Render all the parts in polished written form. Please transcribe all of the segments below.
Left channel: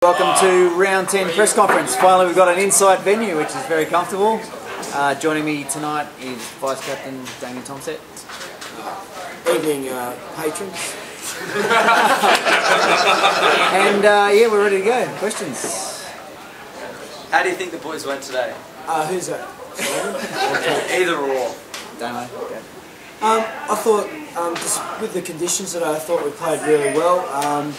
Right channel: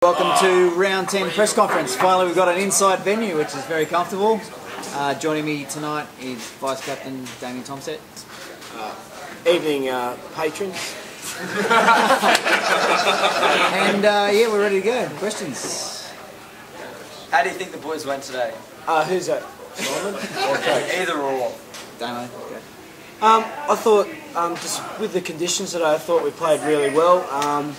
Welcome to round 10 press conference. Finally we've got an inside venue which is very comfortable. Joining me tonight is Vice Captain Damien Tomset. Evening patrons. And yeah, we're ready to go. Questions? How do you think the boys went today? Who's that? Simon or Coach? Either or. Damo, go. I thought, just with the conditions today, I thought we played really well.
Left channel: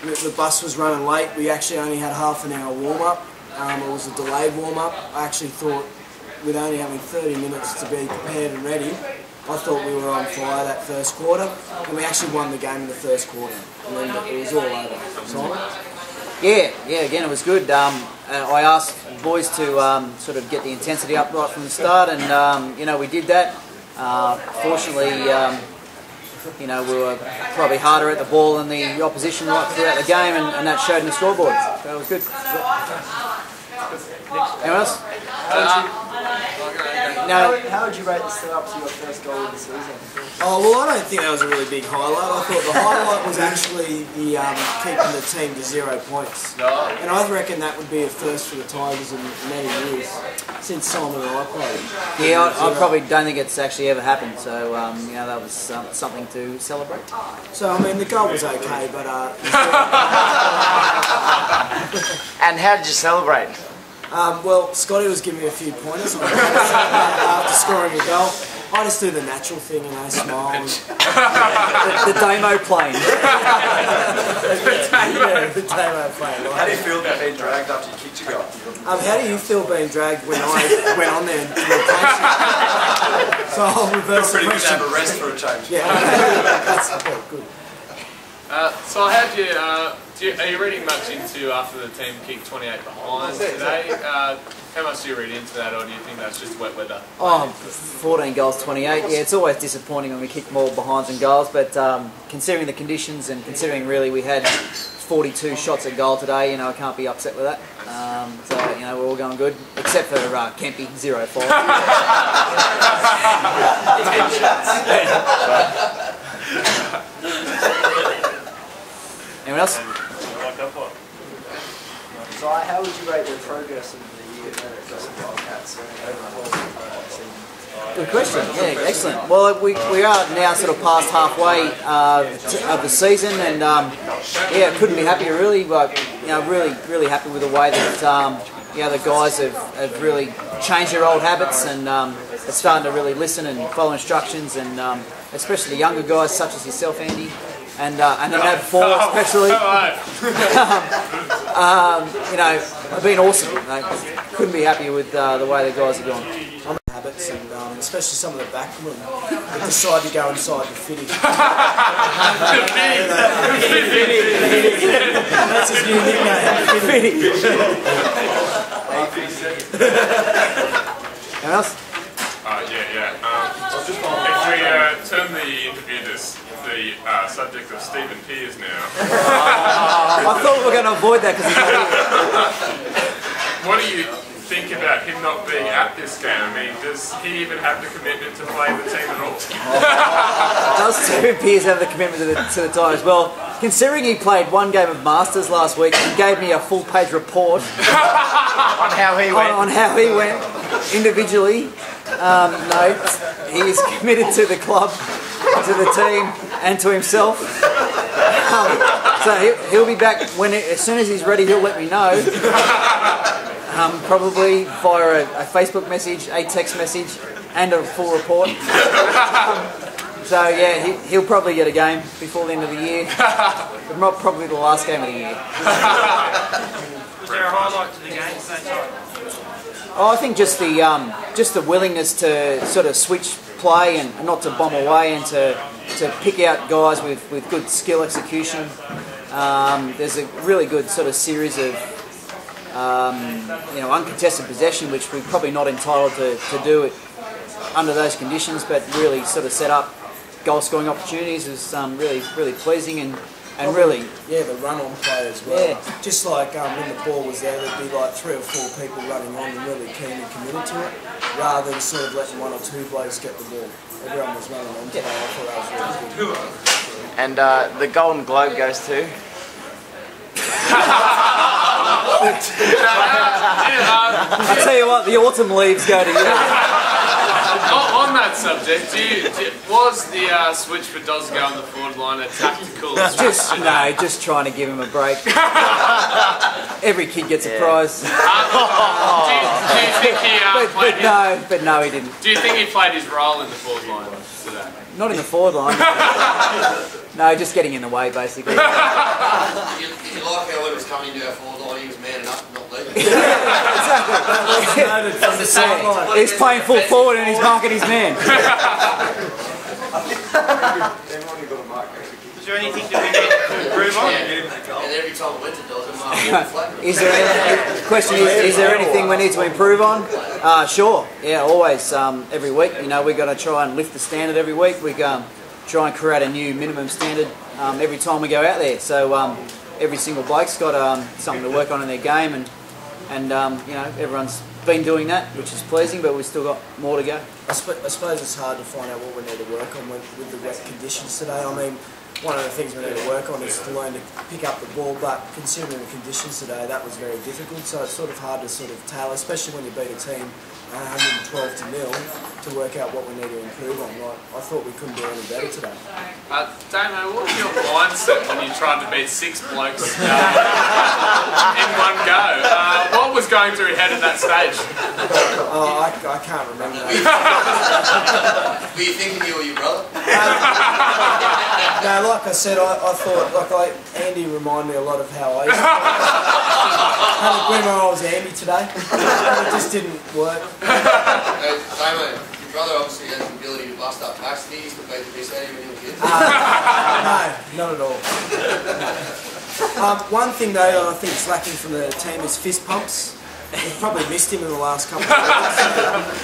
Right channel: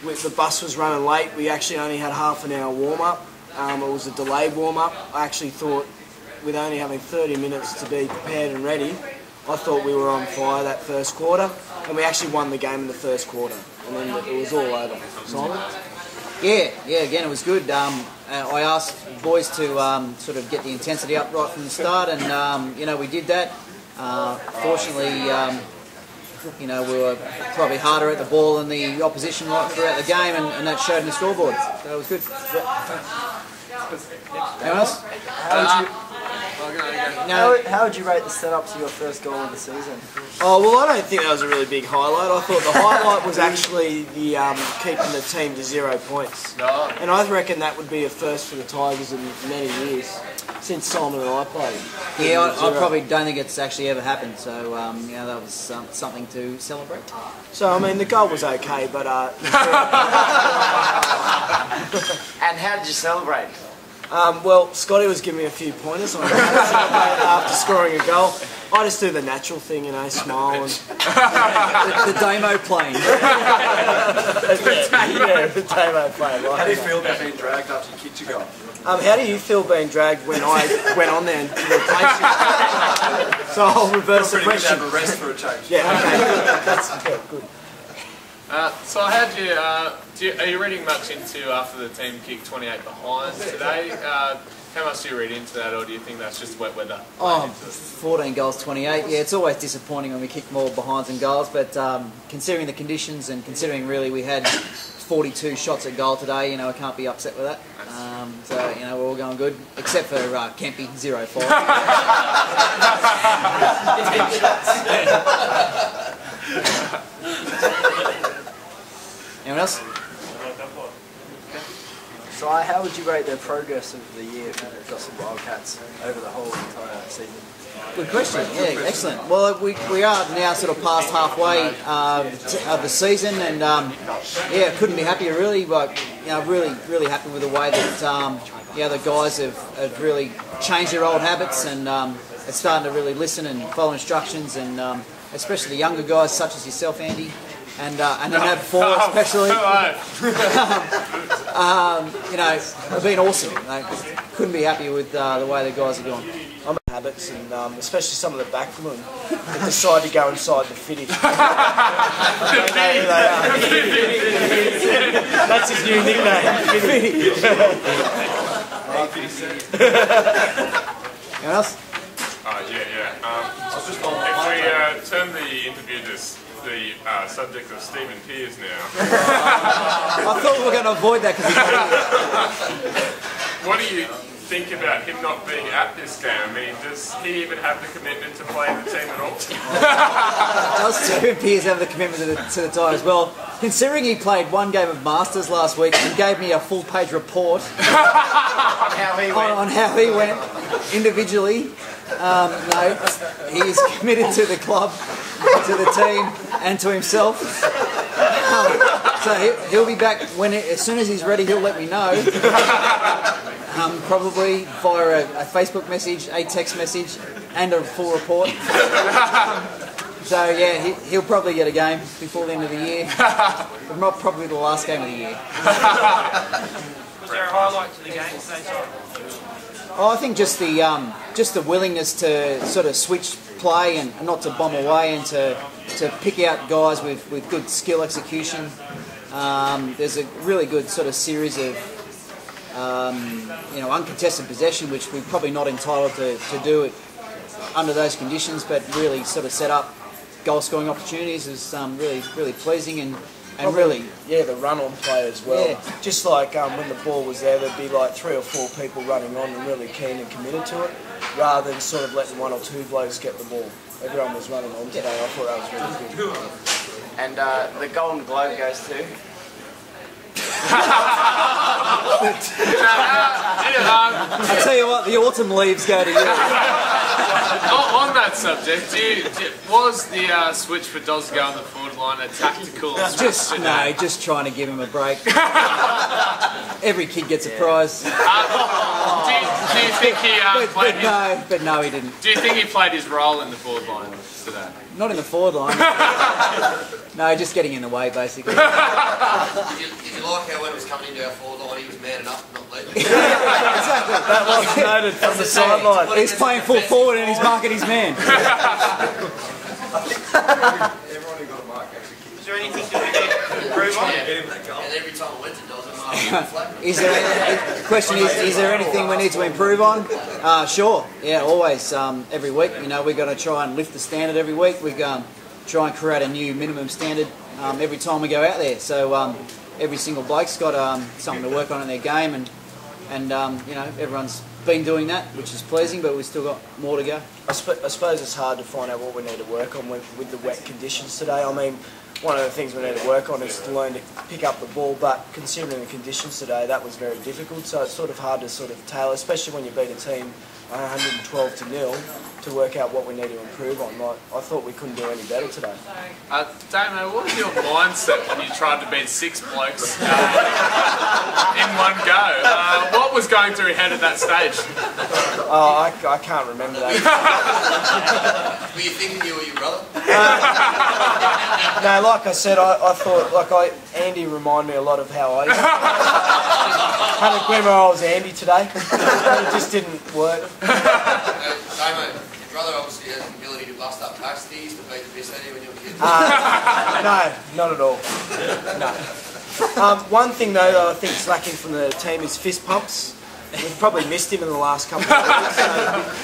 The bus was running late. We actually only had half an hour warm-up. It was a delayed warm-up. I actually thought, with only having 30 minutes to be prepared and ready, I thought we were on fire that first quarter, and we actually won the game in the first quarter, and then it was all over. Simon? Yeah, again it was good. I asked boys to sort of get the intensity up right from the start, and you know, we did that. Fortunately, you know, we were probably harder at the ball than the opposition right throughout the game, and that showed in the scoreboard. So it was good. Anyone else? How would you rate the setup to your first goal of the season? Oh, well, I don't think that was a really big highlight. I thought the highlight was actually the keeping the team to 0 points. And I reckon that would be a first for the Tigers in many years, since Simon and I played. Yeah, I probably don't think it's actually ever happened, so you know, that was something to celebrate. So, I mean, the goal was okay, but... And how did you celebrate? Well, Scotty was giving me a few pointers on how to celebrate after scoring a goal. I just do the natural thing, you know, smile and... The Damo plane. yeah, the Damo plane. How Like. do you feel about being dragged after you kicked your goal? How do you feel being dragged when I went on there and replaced you? So I'll reverse the question. Have a rest for a change. Yeah, okay, that's good. So how do you, are you reading much into after the team kicked 28 behind today? How much do you read into that, or do you think that's just wet weather? Oh, 14 goals, 28. Yeah, it's always disappointing when we kick more behinds than goals, but considering the conditions and considering really we had 42 shots at goal today, you know, I can't be upset with that. So, you know, we're all going good, except for Kempy, 0-5. Anyone else? So how would you rate the progress of the year versus Wildcats over the whole season? Good question. Yeah, excellent. Well, we are now sort of past halfway of the season, and yeah, couldn't be happier really. But you know, really happy with the way that you know, the guys have really changed their old habits and are starting to really listen and follow instructions, and especially the younger guys such as yourself, Andy, and the NAB 4 especially. You know, have been awesome. Couldn't be happier with the way the guys have gone. I'm in habits, and especially some of the backmen that decide to go inside the fitty. They know who they are. Fitty. That's his new nickname, Fitty. Anyone else? Yeah. I was just wondering if we turn the interview to the subject of Stephen Pearce now. I thought we were going to avoid that because he's not here. What do you think about him not being at this game? I mean, does he even have the commitment to play the team at all? Does Stephen Pearce have the commitment to the Tigers? Well, considering he played one game of Masters last week and gave me a full-page report on how he went individually, no, he is committed to the club, to the team, and to himself. So he'll be back as soon as he's ready. He'll let me know. Probably via a Facebook message, a text message, and a full report. So yeah, he'll probably get a game before the end of the year, but not probably the last game of the year. Was there a highlight to the game? Oh, I think just the willingness to sort of switch play and not to bomb away, and to pick out guys with good skill execution. There's a really good sort of series of you know, uncontested possession, which we're probably not entitled to do it under those conditions, but really sort of set up goal scoring opportunities is really pleasing, and really, yeah, the run-on play as well. Yeah. Just like when the ball was there, there'd be like 3 or 4 people running on and really keen and committed to it, rather than sort of letting 1 or 2 blokes get the ball. Everyone was running on today. I thought that was really good. And the Golden Globe goes to? I tell you what, the autumn leaves go to you. On that subject, was the switch for Doz go on the forward line a tactical? Just trying to give him a break. Every kid gets a prize. But no, he didn't. Do you think he played his role in the forward line today? Not in the forward line. No, just getting in the way, basically. You like how when it was coming into our forward line, he was manning up and not leading. Yeah, exactly. That was noted from the sideline. He's playing full forward and he's marking his man. Is there anything that we can improve on? And every time it went to Doz, The question is there anything we need to improve on? Sure. Yeah, always. Every week, we're going to try and lift the standard every week. We try and create a new minimum standard every time we go out there. So every single bloke's got something to work on in their game, and everyone's been doing that, which is pleasing, but we've still got more to go. I suppose it's hard to find out what we need to work on with the wet conditions today. I mean, one of the things we need to work on is to learn to pick up the ball, but considering the conditions today, that was very difficult, so it's sort of hard to sort of tailor, especially when you beat a team 112-0, to work out what we need to improve on. Like, I thought we couldn't do any better today. Damo, what was your mindset when you tried to beat 6 blokes in one go? What was going through your head at that stage? Oh, I can't remember that. were you thinking you or your brother? No, like I said, I thought, Andy reminded me a lot of how I used to. Had a glimmer I was Andy today, but it just didn't work. Damo, your brother obviously has the ability to bust up packs. He used to play the best when he was a kid. No, not at all. No. One thing though that I think is lacking from the team is fist pumps. We've probably missed him in the last couple of weeks, so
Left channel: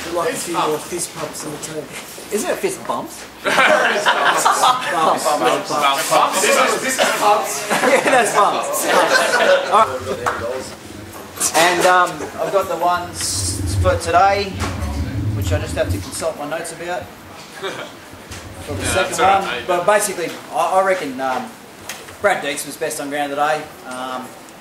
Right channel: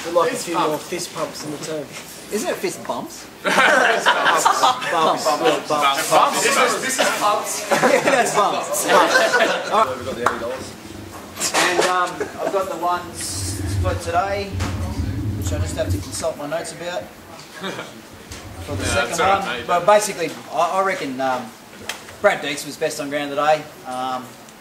we'd like a few more fist pumps in the team. Isn't it fist bumps? Bumps. Yeah, bumps. This is pubs. Yeah, that's bumps. Bumps. All right. And I've got the ones for today, which I just have to consult my notes about. For the second one, but basically, I reckon Brad Deeks was best on ground today.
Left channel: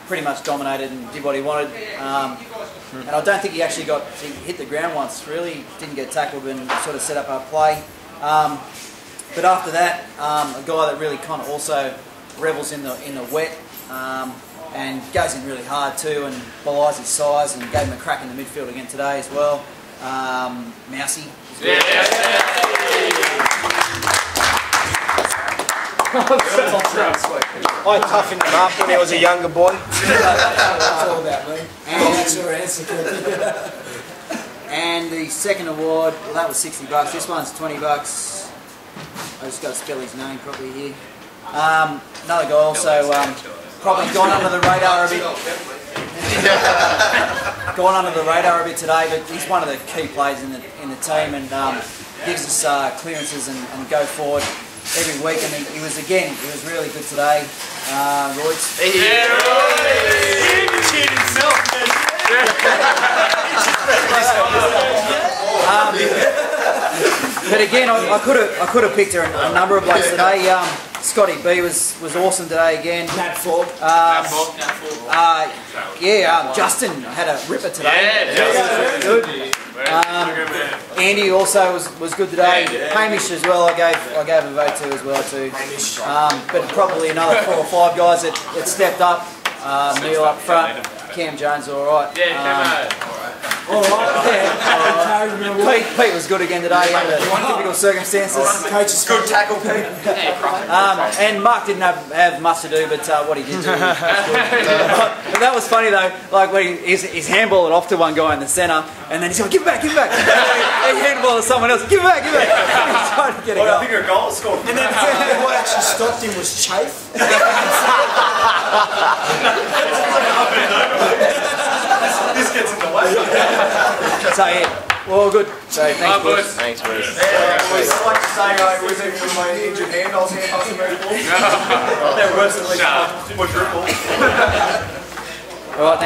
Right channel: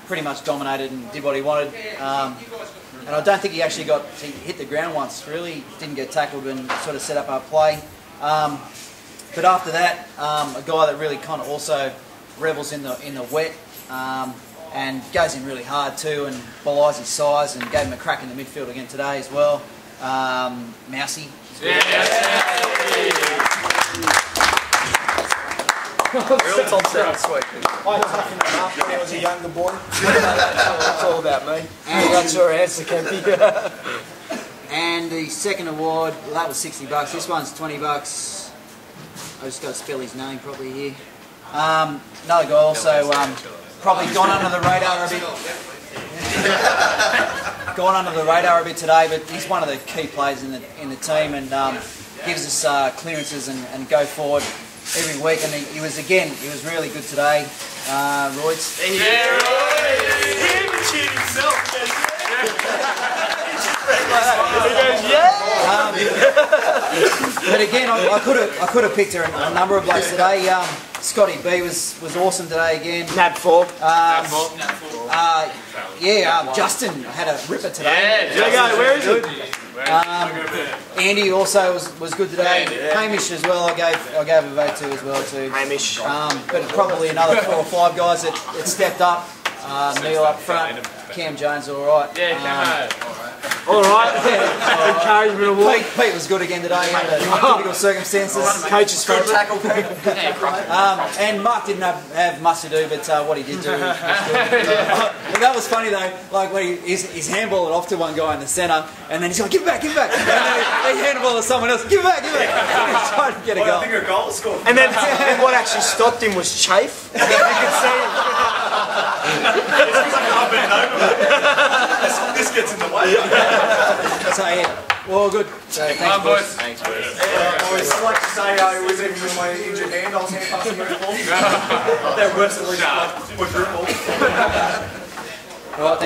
Pretty much dominated and did what he wanted. And I don't think he actually he hit the ground once, really. Didn't get tackled and sort of set up our play. But after that, a guy that really kind of also revels in the wet and goes in really hard too and belies his size, and gave him a crack in the midfield again today as well. Mousy is good. I toughened him up when he was a younger boy. That's all about me. And that's your answer, Kempy. And the second award, well, that was $60. This one's $20. I just got to spell his name properly here. Another guy also probably gone under the radar a bit. Gone under the radar a bit today, but he's one of the key players in the team, and gives us clearances and go forward every week. And he was really good today. Royce. But again, I could have picked a number of blokes today. Scotty B was awesome today again. Nab Fork. Justin had a ripper today. There you go. Where is good. Andy also was good today. Hamish as well. I gave a vote to as well too. Hamish. But probably another 4 or 5 guys that stepped up. Neil up front. Cam Jones all right. All right. Yeah. Encouragement award. Pete was good again today under difficult circumstances. Coach's favourite. And Mark didn't have much to do, but what he did do was good. But that was funny though, like when he's handballed it off to one guy in the centre, and then he's like, give it back, and then he handballed it to someone else, give it back, and he's trying to get a goal. And then what actually stopped him was chafe. This gets in the way. So yeah, well good. So thanks boys. Thanks, boys. I'd like to say it was even with my injured hand, I was going to pass a very ball. And worse than least, quadruple. All right.